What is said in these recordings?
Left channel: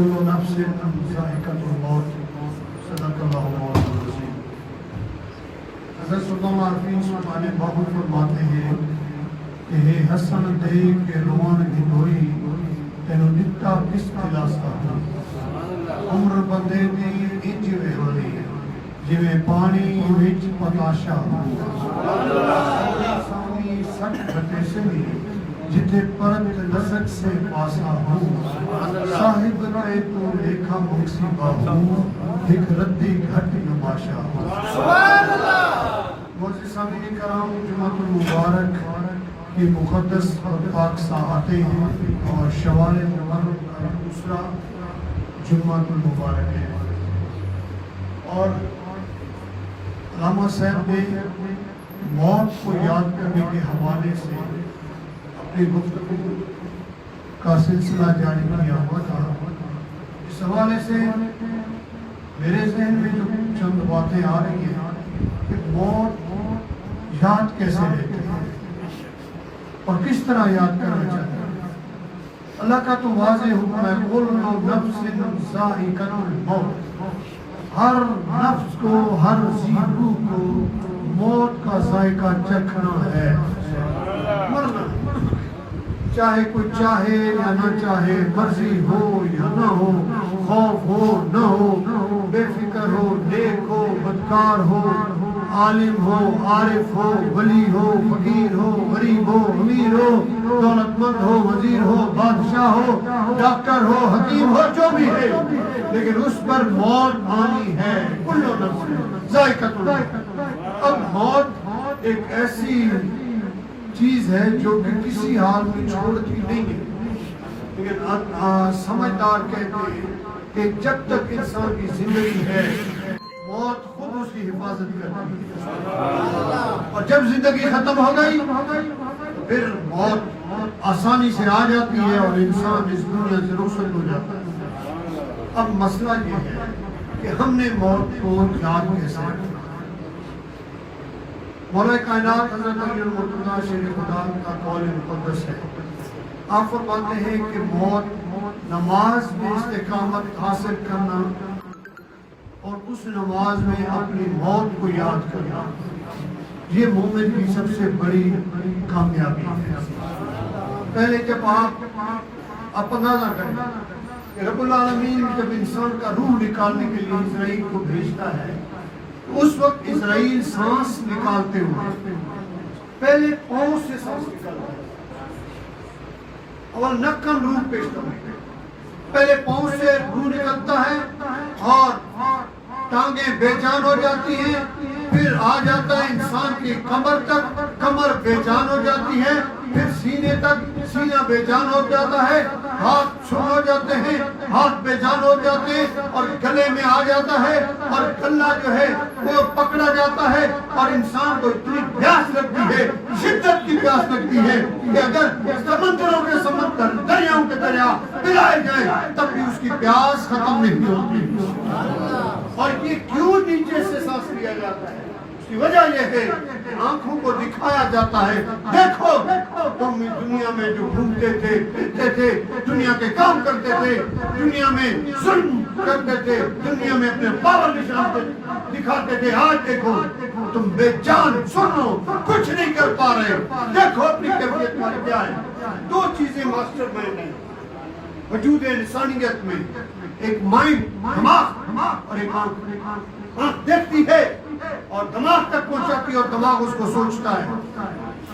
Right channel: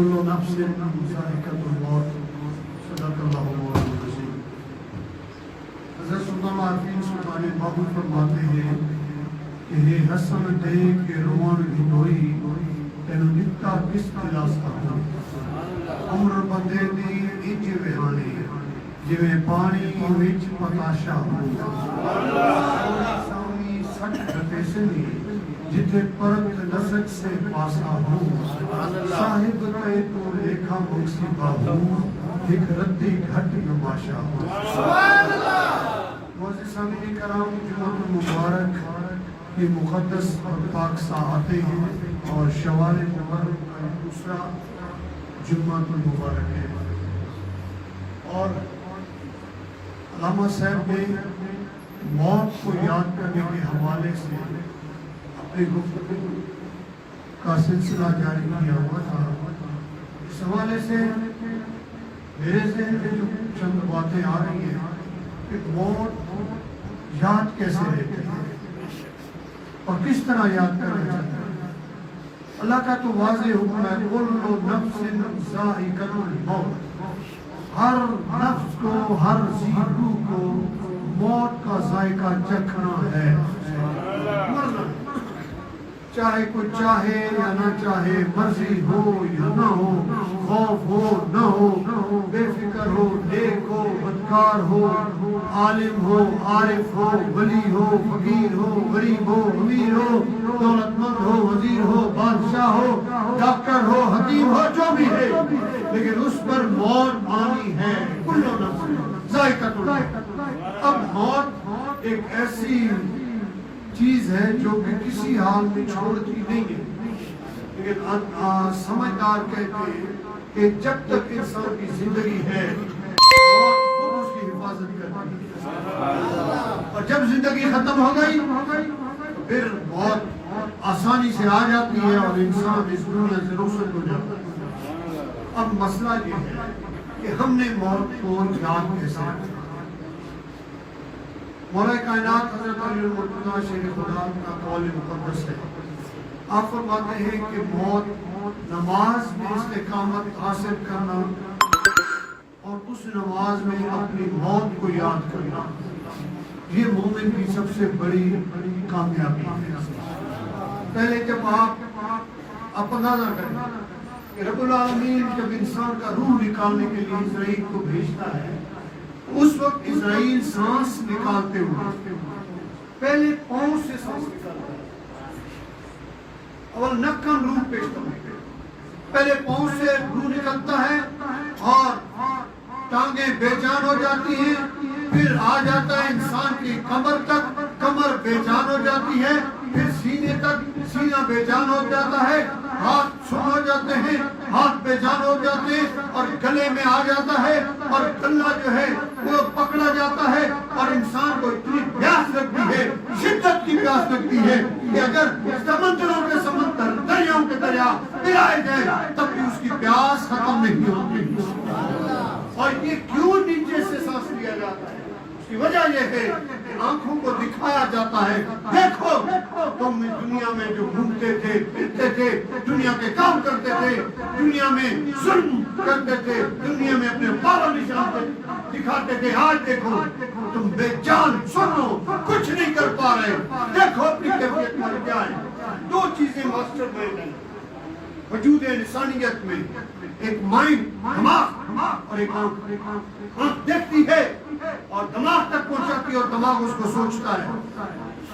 کل نفس ذائقۃ الموت صدق اللہ مولانا العظیم۔ حضرت سلطان عارفین سلطان باہو فرماتے ہیں کہ ہے حسن دیکھ کے روان ہندوئی تینو نتا کس خلاصہ ہو، عمر بندے دی انج وہانی جویں پانی وچ پتاشا ہو، سامی سٹ گھٹے سے جتے پرت لذت سے پاسا ہو، صاحب کے تو لیکھا مصیبہ ہو، ایک ردی گھٹ نماشا ہو۔ سبحان اللہ۔ معزز سامعین کرام، جمعۃ المبارک کی مقدس اور پاک ساعتیں ہیں اور شوال المبارک کا دوسرا جمعۃ المبارک ہے، اور علامہ صاحب نے موت کو یاد کرنے کے حوالے سے اپنی گفتگو کا سلسلہ جاری کیا ہوا تھا۔ اس حوالے سے میرے ذہن میں جو چند باتیں آ رہی ہیں کہ موت یاد کیسے لیتے ہیں اور کس طرح یاد کرنا چاہتے ہیں۔ اللہ کا تو واضح حکم ہے کل نفس ذائقۃ الموت، ہر نفس کو، ہر ذی روح کو موت کا ذائقہ چکھنا ہے، مرنا، چاہے کوئی چاہے یا نہ چاہے، مرضی ہو یا نہ ہو، خوف ہو نہ ہو، بے فکر ہو، نیک ہو، بدکار ہو، عالم ہو، عارف ہو، ولی ہو، فقیر ہو، غریب ہو، امیر ہو، دولت مند ہو، وزیر ہو، بادشاہ ہو، ڈاکٹر ہو، حکیم ہو، جو بھی ہے، لیکن اس پر موت آنی ہے۔ کل نفس ذائقۃ الموت۔ اب موت ایک ایسی چیز ہے جو کہ کسی حال میں چھوڑتی نہیں ہے، لیکن سمجھدار کہتے ہیں کہ جب تک انسان کی زندگی ہے موت خود اس کی حفاظت کرتی ہے، اور جب زندگی ختم ہو گئی تو پھر موت آسانی سے آ جاتی ہے اور انسان اس دنیا سے رخصت ہو جاتا ہے۔ اب مسئلہ یہ ہے کہ ہم نے موت کو یاد کیسے رکھا۔ مولا کائنات حضرت علی المرتضیٰ شیر خدا کا قول مقدس ہے، آپ فرماتے ہیں کہ موت نماز میں استقامت حاصل کرنا اور اس نماز میں اپنی موت کو یاد کرنا، یہ مومن کی سب سے بڑی کامیابی ہے۔ پہلے جب آپ اندازہ کریں کہ رب العالمین جب انسان کا روح نکالنے کے لیے اسرائیل کو بھیجتا ہے، اس وقت اسرائیل سانس نکالتے ہوئے پہلے پاؤں سے سانس نکالتا ہے، اول نکن روح پیشتا ہے، پہلے پاؤں سے روح نکلتا ہے اور ٹانگیں بے جان ہو جاتی ہیں، پھر آ جاتا ہے انسان کی کمر تک، کمر بے جان ہو جاتی ہے، پھر سینے تک، سینہ بے جان ہو جاتا ہے، ہاتھ سن ہو جاتے ہیں، ہاتھ بے جان ہو جاتے ہیں، اور گلے میں آ جاتا ہے، اور گلا جو ہے وہ پکڑا جاتا ہے، اور انسان کو اتنی پیاس لگتی ہے، شدت کی پیاس لگتی ہے کہ اگر سمندروں کے سمندر، دریاؤں کے دریا پلائے جائیں تب بھی اس کی پیاس ختم نہیں ہوتی۔ اور یہ کیوں نیچے سے سانس لیا جاتا ہے؟ اس کی وجہ یہ ہے کہ آنکھوں کو دکھایا جاتا ہے، دیکھو تم دنیا میں جو گھومتے تھے، پھرتے تھے، دنیا کے کام کرتے تھے، دنیا میں ظلم کرتے تھے، دنیا میں اپنے پاور نشان دکھاتے تھے، آج دیکھو تم بے جان، سنو کچھ نہیں کر پا رہے، دیکھو اپنی کیفیت تمہاری کیا ہے۔ دو چیزیں ماسٹر مائنڈ ہیں وجود انسانیت میں، ایک مائنڈ، دماغ، اور ایک آنکھ۔ آنکھ دیکھتی ہے اور دماغ تک پہنچاتی ہے اور دماغ اس کو سوچتا ہے،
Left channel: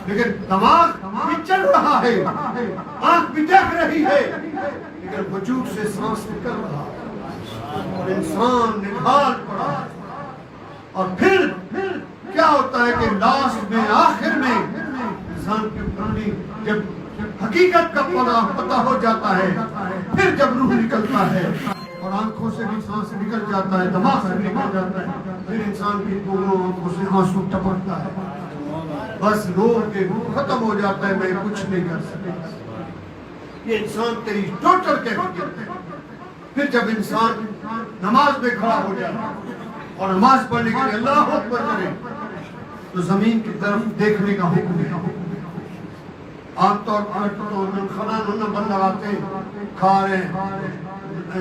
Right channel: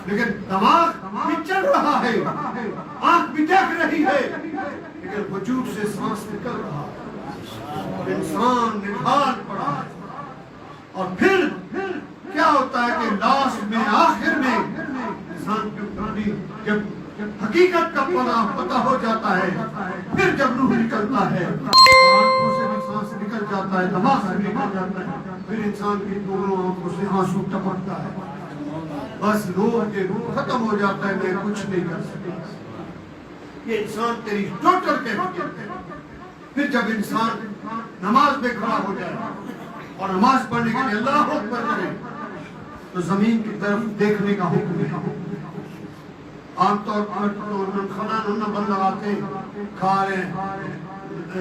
لیکن دماغ بھی چل رہا ہے، آنکھ بھی دیکھ رہی ہے، لیکن وجود سے سانس نکل رہا ہے اور انسان نکال پڑا ہے۔ اور پھر کیا ہوتا ہے کہ لاسٹ میں، آخر میں انسان کی بندی جب حقیقت کا پتہ ہو جاتا ہے، پھر جب روح نکلتا ہے اور آنکھوں سے بھی سانس نکل جاتا ہے، دماغ سے نکل جاتا ہے، پھر انسان کی دونوں آنکھوں سے آنسو ٹپکتا ہے، بس رو کے روح ختم ہو جاتا ہے، میں کچھ نہیں کر سکتا۔ یہ انسان تیری ٹوٹل کیفیت ہے۔ پھر جب انسان نماز میں کھڑا ہو جائے اور نماز پڑھنے کے لیے اللہ اکبر کرے تو زمین کی طرف دیکھنے کا حکم ہے۔ عام طور پر تو کھانا بند لگاتے کھا رہے ہیں،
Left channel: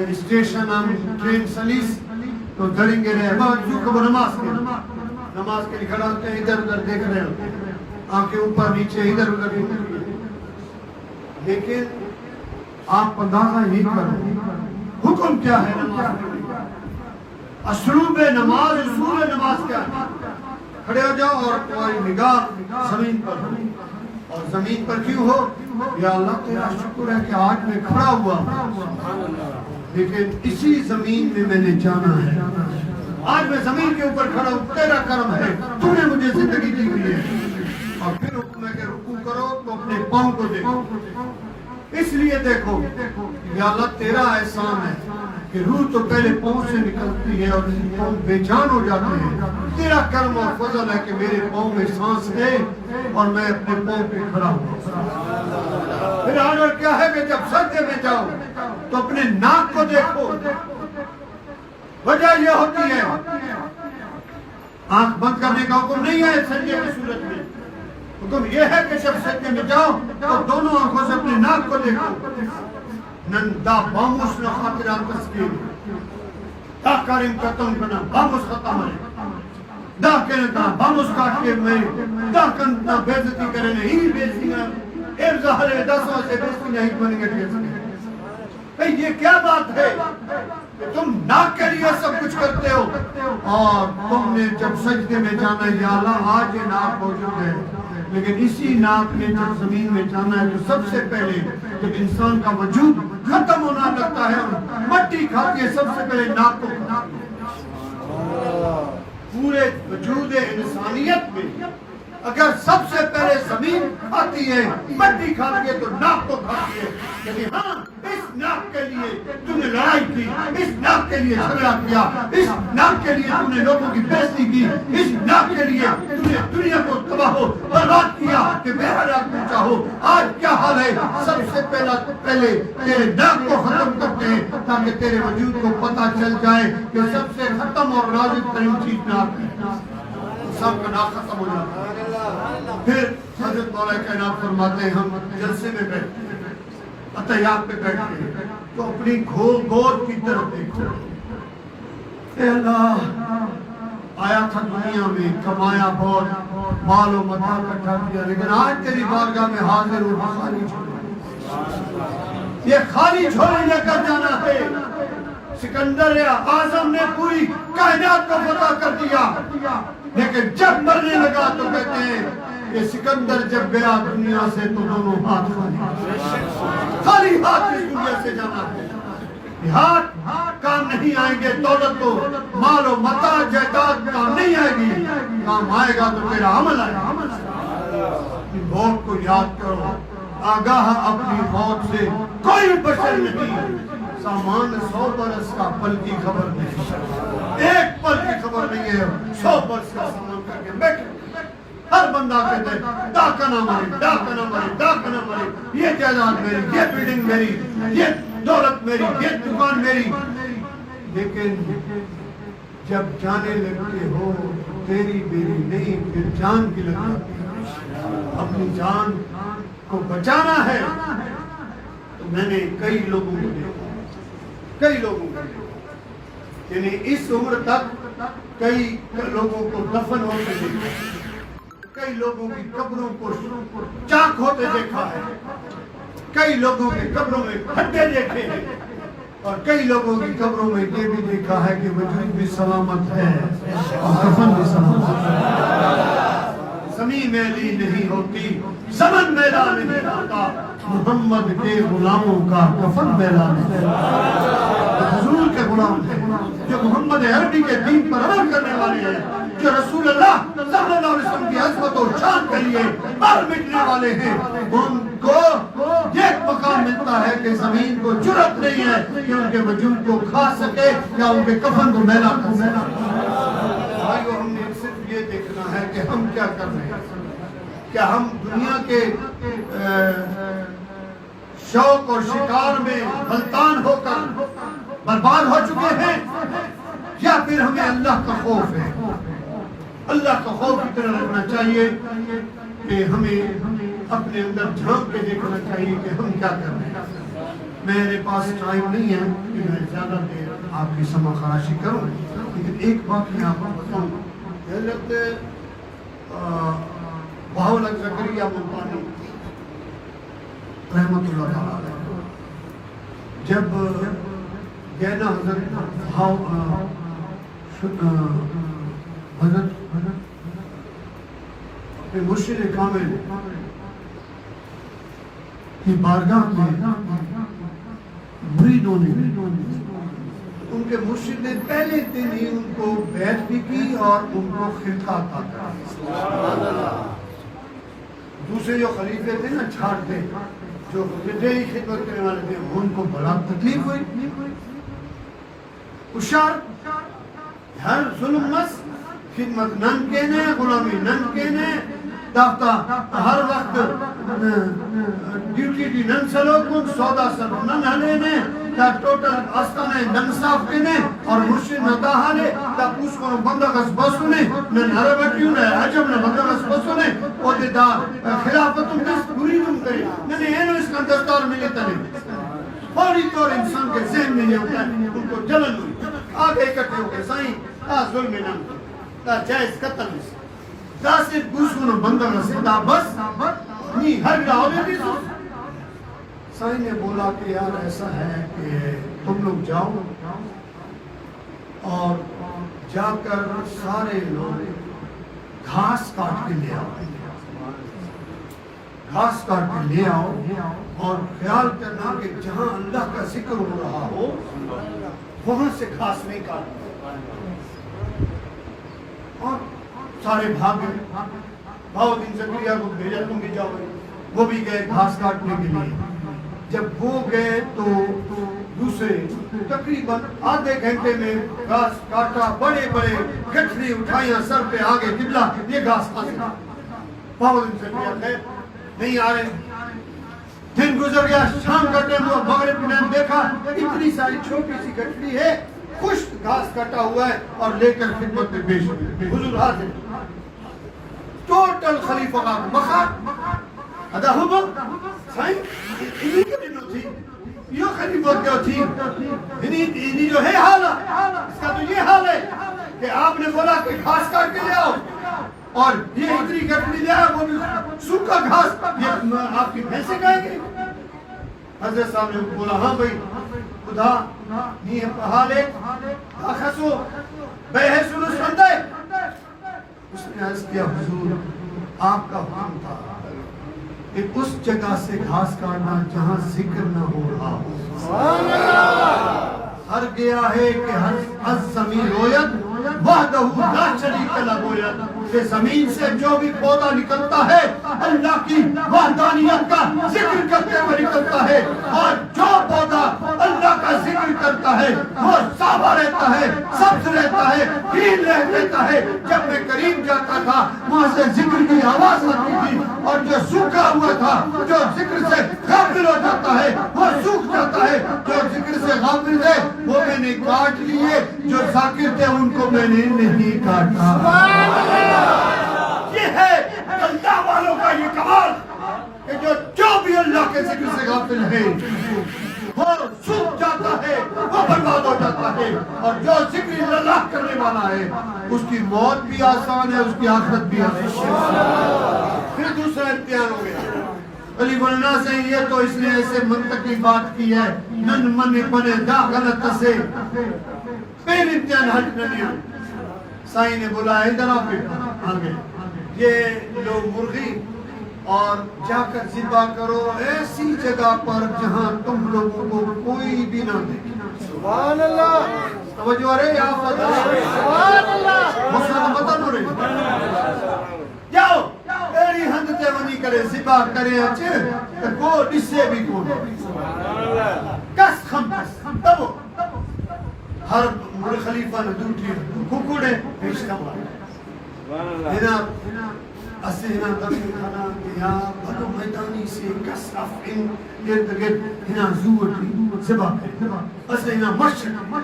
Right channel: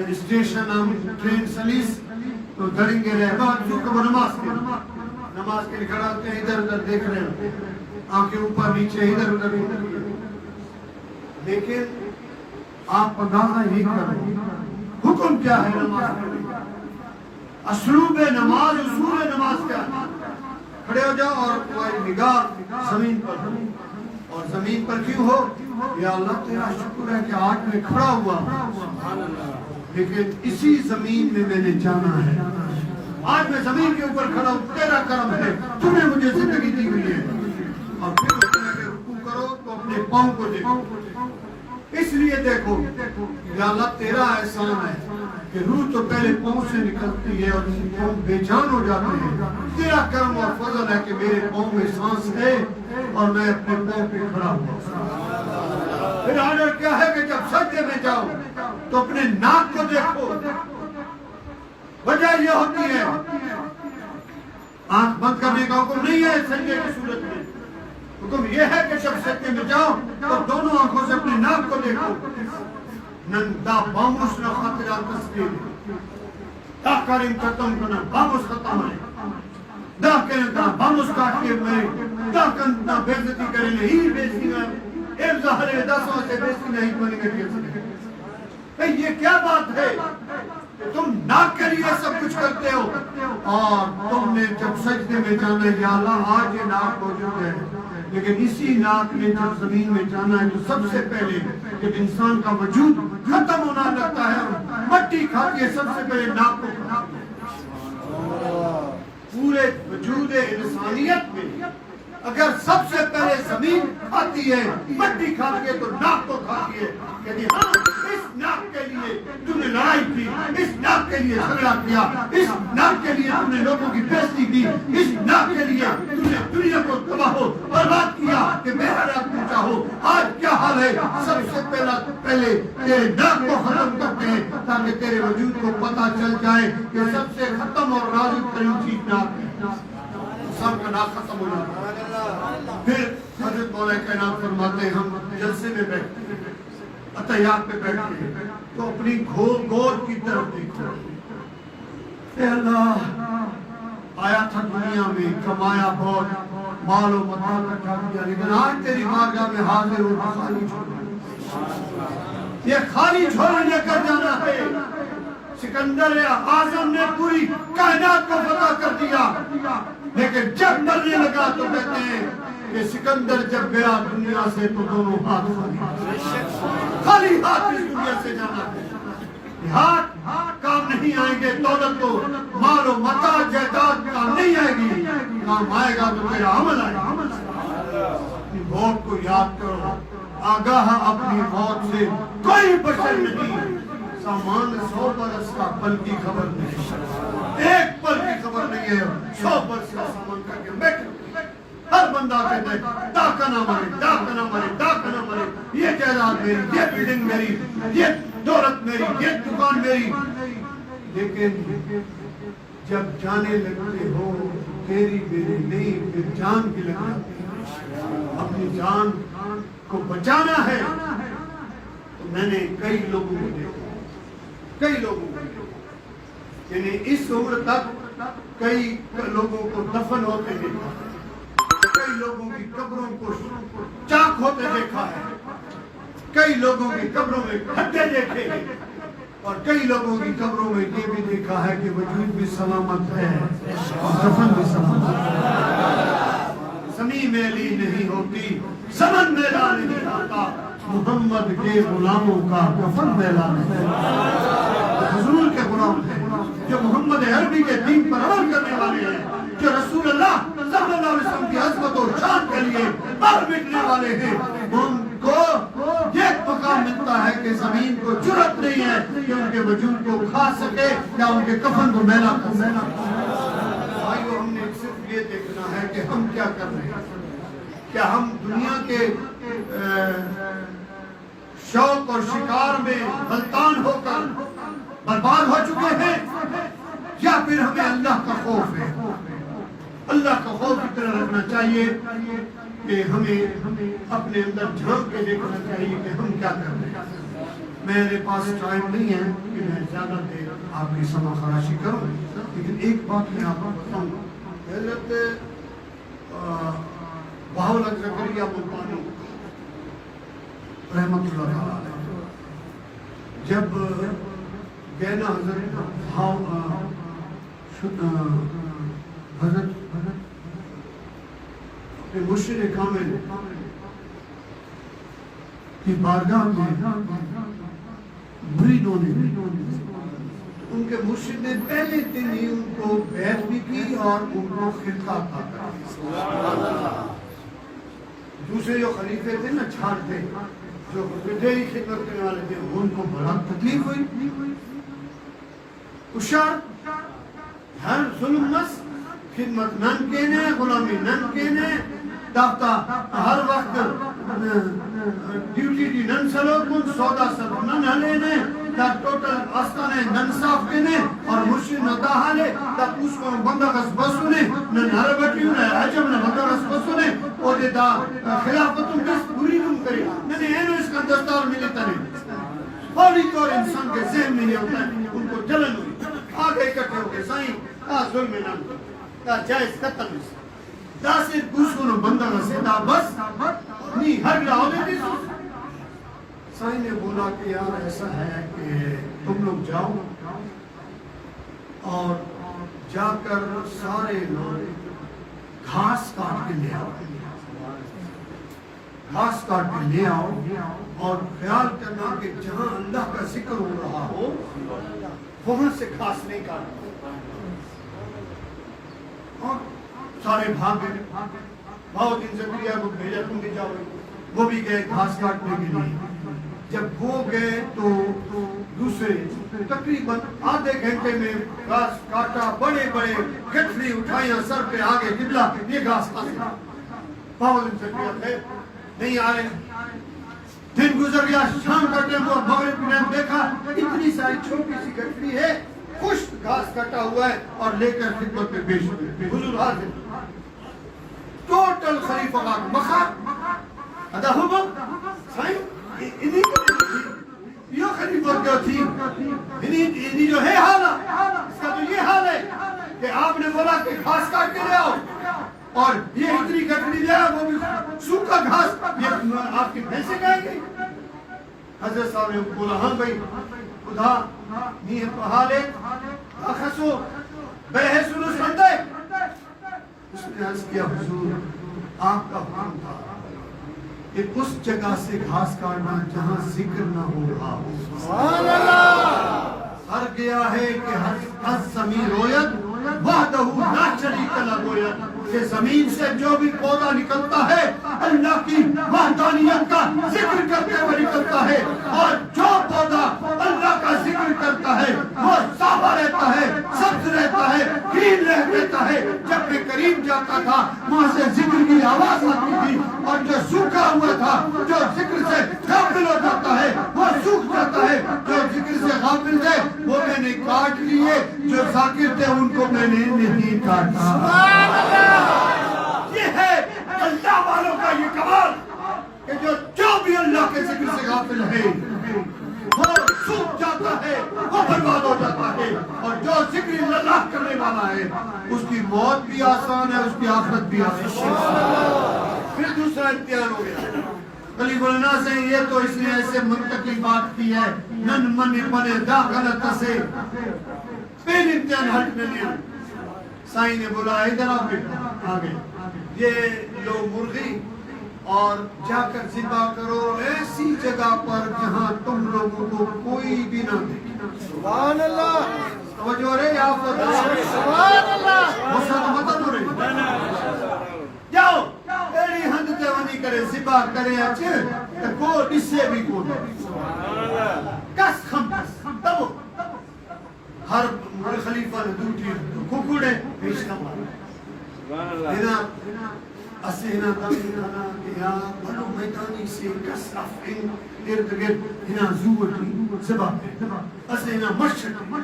اسٹیشن ہم ٹرین سلیس تو دھڑیں گے رہے وہ نماز کے لیے کھڑا ہوتے ہیں، ادھر ادھر دیکھ رہے ہوتے ہیں، آنکھیں اوپر نیچے ادھر ادھر، لیکن آپ اندازہ نہیں کرو حکم کیا ہے نماز پڑھنے کا، اسلوب نماز، اصول نماز کیا ہے؟ کھڑے ہو جاؤ اور تمہاری نگاہ زمین پر ہو، اور زمین پر کیوں ہو؟ یا اللہ تیرا شکر ہے کہ آج میں کھڑا ہوا ہوں، لیکن اسی زمین میں میں نے جانا ہے، آج میں زمین کے اوپر کھڑا ہوں، تیرا کرم ہے، تو نے مجھے زندگی دی ہوئی ہے۔ اور پھر اٹھنے کے رکوع کرو تو اپنے پاؤں کو دیکھو، اس لیے دیکھو یا اللہ تیرا احسان ہے کہ روح تو پہلے پاؤں سے نکلتی ہے اور پاؤں بے جان ہو جاتے ہیں، تیرا کرم اور فضل ہے کہ میرے پاؤں میں سانس ہے اور میں اپنے پاؤں پہ کھڑا ہوں۔ پھر آرڈر کیا ہے کہ جب سجدے میں جاؤ تو اپنے ناک کو دیکھو، وجہ یہ ہوتی ہے آنکھ بند کرنے کا حکم نہیں ہے سجدے کی صورت میں، حکم یہ ہے کہ جب سجدے میں جاؤ تو دونوں آنکھوں سے اپنے ناک کو دیکھو۔ نندا باموس نہ خاطرات تسکین دا کریم کتم کنا باموس ختم ہے، دا کریم کنا باموس کاٹ کے میں دا کننا بیزتی کرے نہیں بیزتی نہ ایک ظاہر ہے 10 سے بیزتی نہیں بنی گئی۔ یہ کیا بات ہے کہ تم ناک کے لیے سب کچھ کرتے ہو اور تم نے جب سجدے میں جانا ہے یا اللہ آج یہ ناک موجود ہے، لیکن اسی ناک میں جب زمین میں جانا ہے تو سب سے پہلے جب انسان کا وجود ختم ہونا لگتا ہے مٹی کھاتی ہے، سب سے پہلے ناک کو کھاتی ہے۔ پورے وجود انسانیت میں اگر سب سے پہلے زمین کھاتی ہے، مٹی کھاتی ہے تو ناک کو کھاتی ہے، لیکن ہاں اس ناک کے لیے تم نے لڑائی کی، اس ناک کے لیے جھگڑا کیا، اس ناک کے لیے تم نے لوگوں کی بےزتی کی، اس ناک کے لیے تم نے دنیا کو تباہ و برباد کیا کہ بہرحال تم چاہو۔ آج کیا حال ہے؟ سب سے پہلے تیرے ناک کو ختم کرتے ہیں تاکہ تیرے وجود کو پتہ چل جائے کہ سب سے ختم اور نازک ترین چیز ناک ہے، سب کا ناک ختم ہو جاتا ہے۔ پھر حضرت مولا کائنات فرماتے ہیں ہم جلسے میں بیٹھتے ہیں، عطیات پہ بیٹھتے ہیں تو اپنی گود کی طرف دیکھو، اے اللہ آیا تھا دنیا میں، کمایا بہت، مال و متاع اکٹھا کیا، لیکن آج تیری بارگاہ میں حاضر ہو خالی جھولی، یہ خالی جھولی لے کر جانا ہے۔ سکندر اعظم نے پوری کائنات کو فتح کر دیا، لیکن جب مرنے لگا تو کہتے ہیں کہ سکندر جب گیا دنیا سے تو دونوں ہاتھ خالی ہاتھ اس دنیا سے جانا ہے۔ ہاتھ کام نہیں آئیں گے، دولت تو مال و متاع جائیداد کام نہیں آئے گی، کام آئے گا تو میرا عمل آئے گا۔ اپنی موت کو یاد کرو، آگاہ اپنی موت سے کوئی بشر نہیں، سامان 100 برس کا پل کی خبر نہیں، ایک پل کی خبر نہیں ہے، 100 برس کا سامان کر کے بیٹھے۔ ہر بندہ کہتے ہیں دا کنا مرے، دا کنا مرے، دا کنا مرے، یہ جائیداد میری، یہ بلڈنگ میری، یہ دولت میری، یہ دکان میری، لیکن جب جانے لگتے ہو تیری میری نہیں، پھر جان کی لگ جاتی ہے۔ اپنی جان کو بچانا ہے تو میں نے کئی لوگوں کو دیکھا، کئی لوگوں کو دیکھا، یعنی اس عمر تک کئی لوگوں کو دفن ہوتے دیکھا، کئی لوگوں کی قبروں کو چاک ہوتے دیکھا ہے، کئی لوگوں کی قبروں میں کھڈے دیکھے ہیں، اور کئی لوگوں کی قبروں میں یہ بھی دیکھا ہے کہ وجود بھی سلامت ہے اور کفن بھی سلامت ہے۔ زمین میلی نہیں ہوتی، زمن میلا نہیں ہوتا، محمد کے غلاموں کا کفن میلا نہیں ہوتا۔ حضور کے غلام ہیں جو محمد عربی کے دین پر عمل کرنے والے ہیں، جو رسول اللہ صلی اللہ علیہ وسلم کی عظمت و شان کے لیے مر مٹنے والے ہیں، ان کو ایک مقام ملتا ہے کہ زمین کو جرأت نہیں ہے کہ ان کے وجود کو کھا سکے یا ان کے کفن کو میلا کر سکے۔ بھائیو، ہم نے صرف یہ دیکھنا ہے کہ ہم کیا کر رہے ہیں، کیا ہم دنیا کے شوق اور شکار میں غلطان ہو کر برباد ہو چکے ہیں، یا پھر ہمیں اللہ کا خوف ہے۔ اللہ کا خوف کی طرح رکھنا چاہیے کہ ہمیں اپنے اندر جھانک کے دیکھنا چاہیے کہ ہم کیا کر رہے ہیں۔ میرے پاس ٹائم نہیں ہے کہ میں زیادہ دیر آپ کی سما خراشی کروں، لیکن ایک بات میں آپ کو بتاؤں، حضرت بہاؤالحق زکریا ملتانی رحمت اللہ علیہ جب گئے نا حضرت مرشد کامل کی بارگاہ میں مریدوں نے ان کے مرشد نے پہلے دن ہی ان کو بیعت بھی کی اور ان کو خلقہ عطا کیا۔ دوسرے جو خلیفے تھے نا چھاٹ تھے جو ڈیلی خدمت کرنے والے تھے ان کو بڑا تکلیف ہوئی، اشار ہر ظلم مس خدمت نن کہنے غلامی نن کہنے داختا ہر وقت ڈیوٹی دی نن سلو کن سودا سب نن ہلینے تا ٹوٹل آستانے نن صاف کہنے اور مرشد نتا حالے تا پوس کنو بندگس بسونے نن عربتیوں نے عجب نے بندگس بسونے اور دے دا خلافتوں کس پوری دم کرے ننے اینو اس کا دستار ملے تنے فوری طور انسان کے ذہن میں نہیں ہوتا ہے ان کو جلن ہوئی آگے اکٹھے ہو گئے سائیں ظلم نام دا جائز قتل اس دا سے پوس کنو بندگس دا بس نہیں ہر گراؤں میں سائن نے بولا کہ یار ایسا ہے کہ تم لوگ جاؤ اور جا کر سارے لوگ گھاس کاٹ کے لے آؤ، گھاس کاٹ کے لے آؤ اور خیال کرنا کہ جہاں اللہ کا ذکر ہو رہا ہو وہاں سے گھاس نہیں کاٹنا۔ اور سارے بھاگے بہاؤالدین زکریا کو بھیجا تم بھی جاؤ، وہ بھی گئے گھاس کاٹنے کے لیے۔ جب وہ گئے تو دوسرے تقریباً آدھے گھنٹے میں گھاس کاٹا، بڑے بڑے گٹھڑی اٹھائیاں سر پہ آگے قبلہ یہ گھاس حاصل۔ بہاؤالدین زکریا خیر نہیں آ رہے، دن گزر گیا، شام کا ٹائم ہوا، مغرب کے ٹائم دیکھا اتنی ساری چھوٹی سی گٹھڑی ہے، خشک گھاس کٹا ہوا ہے اور لے کر خدمت میں پیش ہوئے، حضور حاضر ٹوٹل خلیفہ کا مخار ادا ہوا سائن انہی کے تھی یہ خلیفہ کیا تھی انہی جو ہے حال اس کا تو یہ حال ہے کہ آپ نے بولا کہ گھاس کاٹ کے لے آؤ اور یہ اتنی گٹھڑی لے آؤ وہ بھی سوکھا گھاس، یہ آپ کی بھینسیں کھائیں گے؟ حضرت صاحب نے بولا ہاں بھائی خدا نیہ پہالے آخسو بے سنو سندے۔ اس نے عرض کیا حضور آپ کا حکم تھا کہ اس جگہ سے گھاس کاٹنا جہاں ذکر نہ ہو رہا ہو۔ ہر گیا ہے کہ ہر زمین رویت وحدہ لا شریک لہ رویت کہ زمین سے جو بھی پودا نکلتا ہے اللہ کی وحدانیت کا ذکر کرتے ہوئے نکلتا ہے، اور جو پودا اللہ کا ذکر کرتا ہے وہ صافا رہتا ہے، سبز رہتا ہے، گرین رہتا ہے۔ جب میں قریب جاتا تھا وہاں سے ذکر کی آواز آتی تھی، اور جو سوکھا ہوا تھا جو ذکر سے غافل ہو جاتا ہے وہ سوکھ جاتا ہے، جو ذکر سے غافل تھے وہ میں نے کاٹ لیے، جو ذاکر تھے ان کو میں نے نہیں کاٹا۔ یہ ہے اللہ والوں کا یہ کمال کہ جو بھی اللہ کے ذکر سے غافل ہے وہ سوکھ جاتا ہے، وہ برباد ہو جاتا ہے، اور جو ذکر اللہ کرنے والا ہے اس کی موت بھی آسان ہے، اس کی آخرت بھی آسان ہے۔ پھر دوسرا امتحان ہو گیا علی گلنا سے، یہ تو اس نے ایسے منطقی بات کی ہے نن من پنے دا غلط سے پہل امتحان ہٹ نہ لیا۔ سائن نے بولا ادھر آگے یہ لو مرغی اور جا کر ذبح کرو ایسی جگہ پر جہاں تم لوگوں کو کوئی بھی نہ دیکھے۔ سبحان اللہ، توجہ رہے یا فتح سبحان اللہ، مسلم مطن ہو رہے جاؤ ایڑی ہند تے ونی کرے ذبح کرے اچھے کو ڈسے بھی کو کس خمس تب ہر خلیفہ نے دوٹی ککڑے پیشتہ مارا دینا اسینا دمی کھانا کیا بھلو میدانی سے کس رفعن ارد گرد ہنا زورتی زبا پہ اسینا مشرق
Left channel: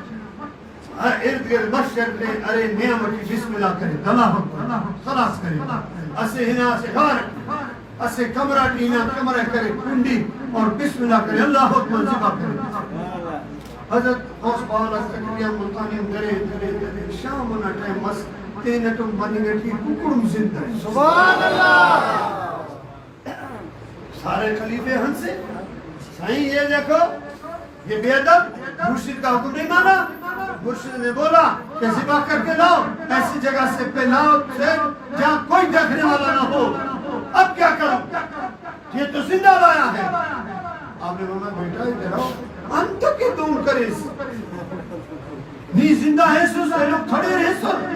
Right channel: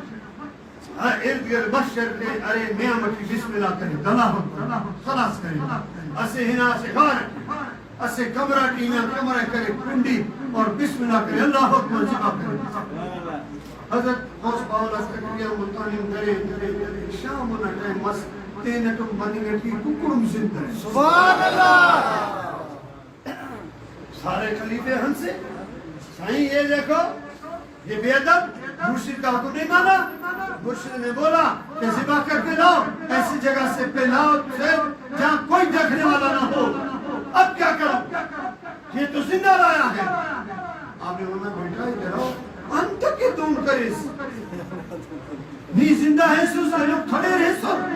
ارد گرد مشرق پہ ارے نعمتی بسم اللہ کرے دماغ خلاص کرے اسینا سے غارق اسے کمرہ ٹینا کمرہ کرے کنڈی اور بسم اللہ کرے اللہ اکبر ذبح کرے حضرت غوث پاک تقریبا ملتانی درے شام نہ ٹائم مس تینٹم بنی گئی ککڑم زندہ ہے سبحان اللہ سارے خلیفے ہن سے سائیں یہ دیکھو یہ بے ادب مرشد کا حکم نہیں مانا مرشد نے بولا کہ ذبح کر کے لاؤ ایسی جگہ سے پہلاؤ سے جہاں کوئی دیکھنے والا نہ ہو اب کیا کرو یہ تو زندہ لایا ہے آپ نے بولا بیٹا ادھر آؤ انت کی دون کریس نی زندہ ہے سوس لے لوگ کھڑے رہے سن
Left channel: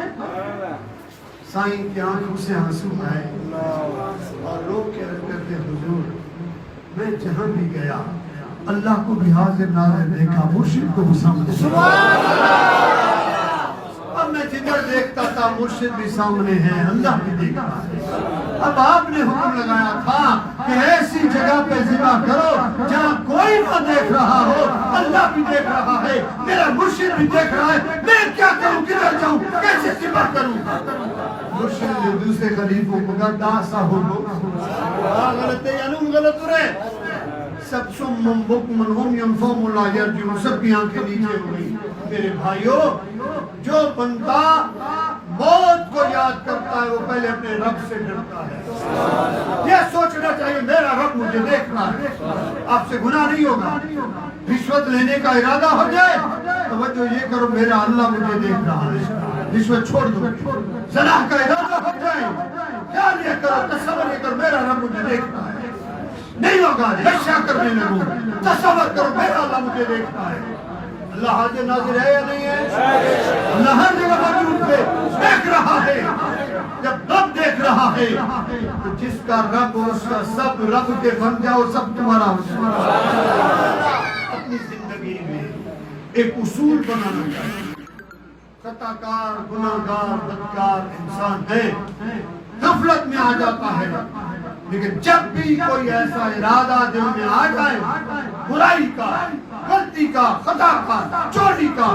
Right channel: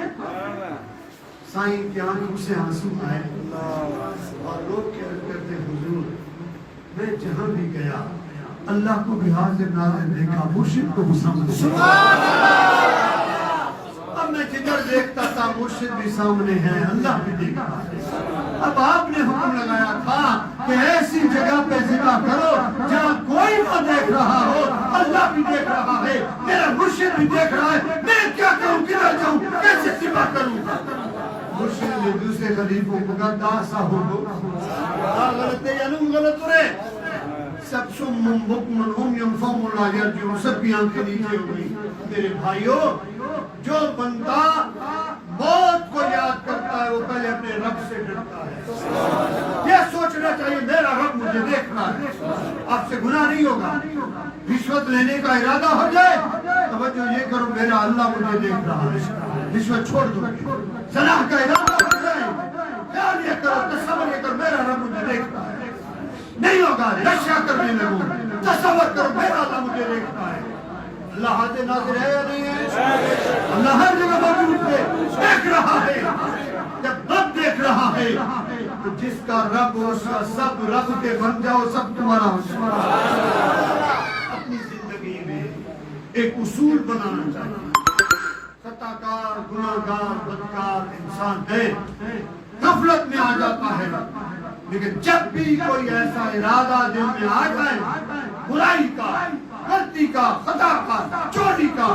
سائیں کی آنکھوں سے ہنسو آئے اور لوگ کہہ کرتے حضور میں جہاں بھی گیا اللہ کو بھی حاضر ناظر دیکھا مرشد کو بھی سامنے اب میں جدھر دیکھتا تھا مرشد بھی سامنے ہے اللہ بھی دیکھتا ہے اب آپ نے حکم لگایا تھا کہ ایسی جگہ پہ ذبح کرو جہاں کوئی نہ دیکھ رہا ہو اللہ بھی دیکھ رہا ہے میرا مرشد بھی دیکھ رہا ہے میں کیا کروں کدھر جاؤں کیسے ذبح کروں مرشد نے دوسرے خلیفوں کو کہا داسا ہو غلط ہے یا نم غلط ہو رہے سب سمم بکمن عمیٌ فهم لا یرجعون سب کی آنکھیں نیچے ہوئی میرے بھائیو جو بندہ موت کو یاد کرتا ہے وہ پہلے اپنے رب سے ڈرتا ہے یہ سوچنا چاہیے میرا رب مجھے دیکھ رہا ہے آپ سے گناہ نہیں ہوگا رشوت لینے کا ارادہ ہو جائے توجہ یہ کرو میرا اللہ مجھے دیکھ رہا ہے رشوت چھوڑ دو زنا کا ارادہ ہو جائے خیال یہ کرو تصور یہ کرو میرا رب مجھے دیکھ رہا ہے نہیں ہوگا نشہ کرنے لگو تصور کرو میرا اللہ مجھے دیکھ رہا ہے اللہ حاضر ناظر ہے یا نہیں ہے اللہ ہر جگہ موجود ہے دیکھ رہا ہے جب رب دیکھ رہا ہے تو جس کا رب ہو اس کا سب رب کے بن جاؤ سب تمہارا ہو جائے اپنی زندگی میں ایک اصول بنانا چاہیے خطا کار گناہگار بدکار انسان ہے غفلت میں آ جاتا ہے لیکن جب بھی کوئی ایسا ارادہ دل میں آ جائے برائی کا غلطی کا خطا کا چوری کا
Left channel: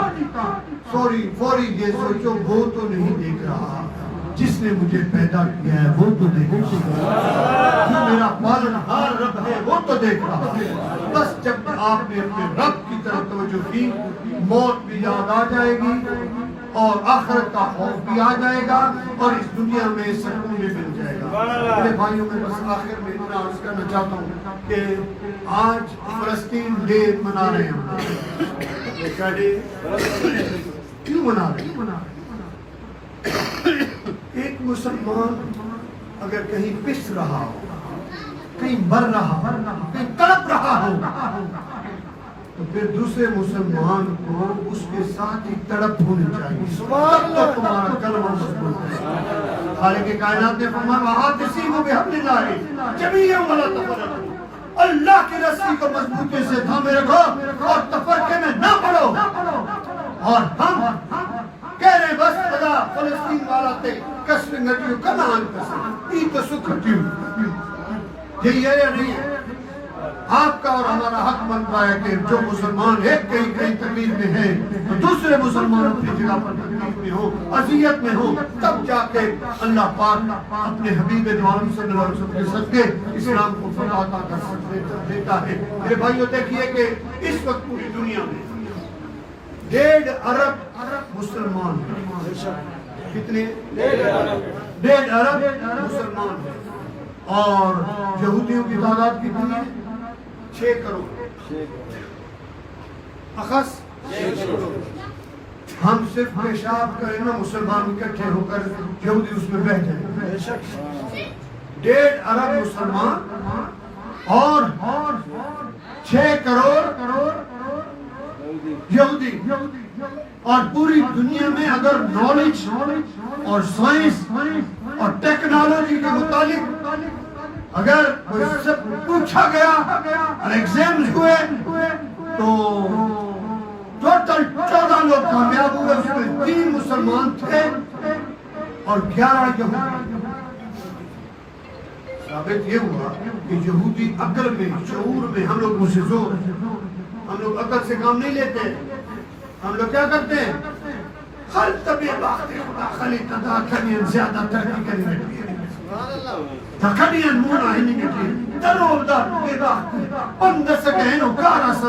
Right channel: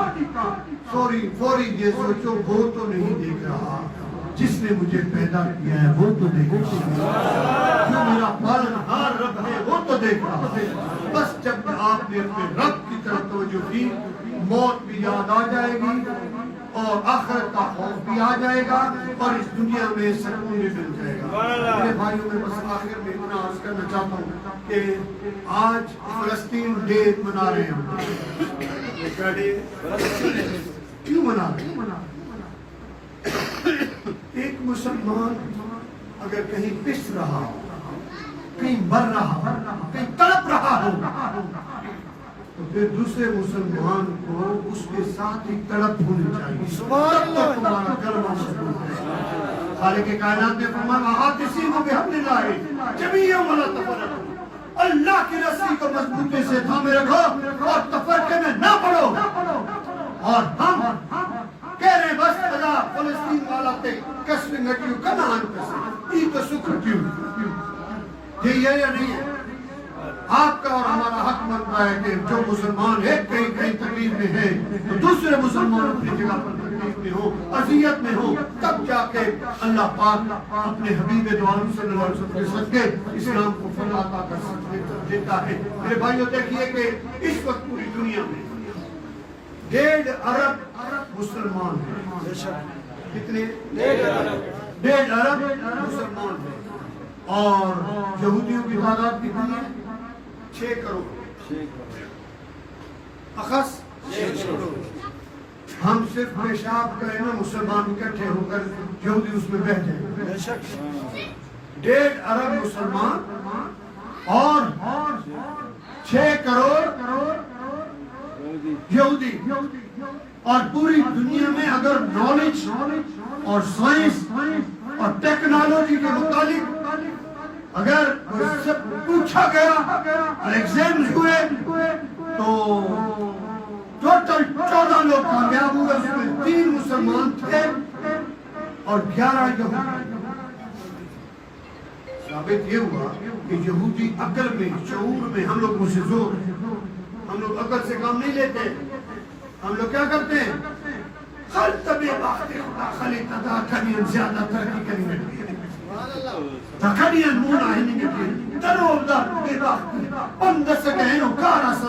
فوری یہ سوچو وہ تو نہیں دیکھ رہا جس نے مجھے پیدا کیا ہے وہ تو دیکھ رہا جو میرا پالنہار رب ہے وہ تو دیکھ رہا ہے بس جب آپ نے اپنے رب کی طرف توجہ کی موت بھی یاد آ جائے گی اور آخرت کا خوف بھی آ جائے گا اور اس دنیا میں سکون بھی مل جائے گا میرے بھائیوں میں بس آخر میں اتنا عرض کرنا چاہتا ہوں کہ آج فلسطین ڈے منا رہے ہیں کیا ڈے کیوں منا رہے ہیں ایک مسلمان اگر کہیں پس رہا ہو کہیں مر رہا ہو کہیں تڑپ رہا ہو تو پھر دوسرے مسلمان کو اس کے ساتھ ہی تڑپ ہونی چاہیے تو تمہارا کلمہ مضبوط ہے خالق کائنات نے فرمایا وَاعْتَصِمُوا بِحَبْلِ اللَّهِ جَمِيعًا وَلَا تَفَرَّقُوا اللہ کی رسی کو مضبوطی سے تھامے رکھو اور تفرقے میں نہ پڑو اور ہم کہہ رہے بس خدا فلسطین والا تے کشر گٹیو کنان کسے ای تو سکھ کیوں یہی ہے یا نہیں ہے آپ کا اور ہمارا حق بنتا ہے کہ جو مسلمان ایک کہیں تکلیف میں ہے تو دوسرے مسلمان اپنی جگہ پر تکلیف میں ہو اذیت میں ہو تب جا کے اللہ پاک اپنے حبیب دو عالم صلی اللہ علیہ وسلم کے صدقے اسلام کو فتح عطا کر دیتا ہے میرے بھائیو دیکھیے کہ اس وقت پوری دنیا میں 1.5 ارب مسلمان ہیں کتنے 1.5 ارب مسلمان ہیں اور یہودیوں کی تعداد کتنی ہے 6 کروڑ اخص 6 کروڑ ہم صرف پیشاب کریں نا مسلمان اکٹھے ہو کر یہودی اس میں بیٹھ جائیں 1.5 ارب مسلمان اور 6 کروڑ یہودی اور پوری دنیا میں اگر نالج اور سائنس اور ٹیکنالوجی کے متعلق اگر سے پوچھا گیا ایگزامز ہوئے تو ٹوٹل 14 لوگ کامیاب ہوئے اس میں 3 مسلمان تھے اور 11 یہودی ثابت یہ ہوا کہ یہودی عقل میں شعور میں ہم لوگ مجھ سے زور ہیں ہم لوگ عقل سے کام نہیں لیتے ہم لوگ کیا کرتے ہیں خل طبع باخت خدا خلی قضا کنی زیادہ ترقی کریں گے Takaniyan muna hiningiti. Darol da ida. Panda sa kahino kara sa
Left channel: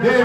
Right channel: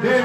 1.5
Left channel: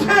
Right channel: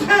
6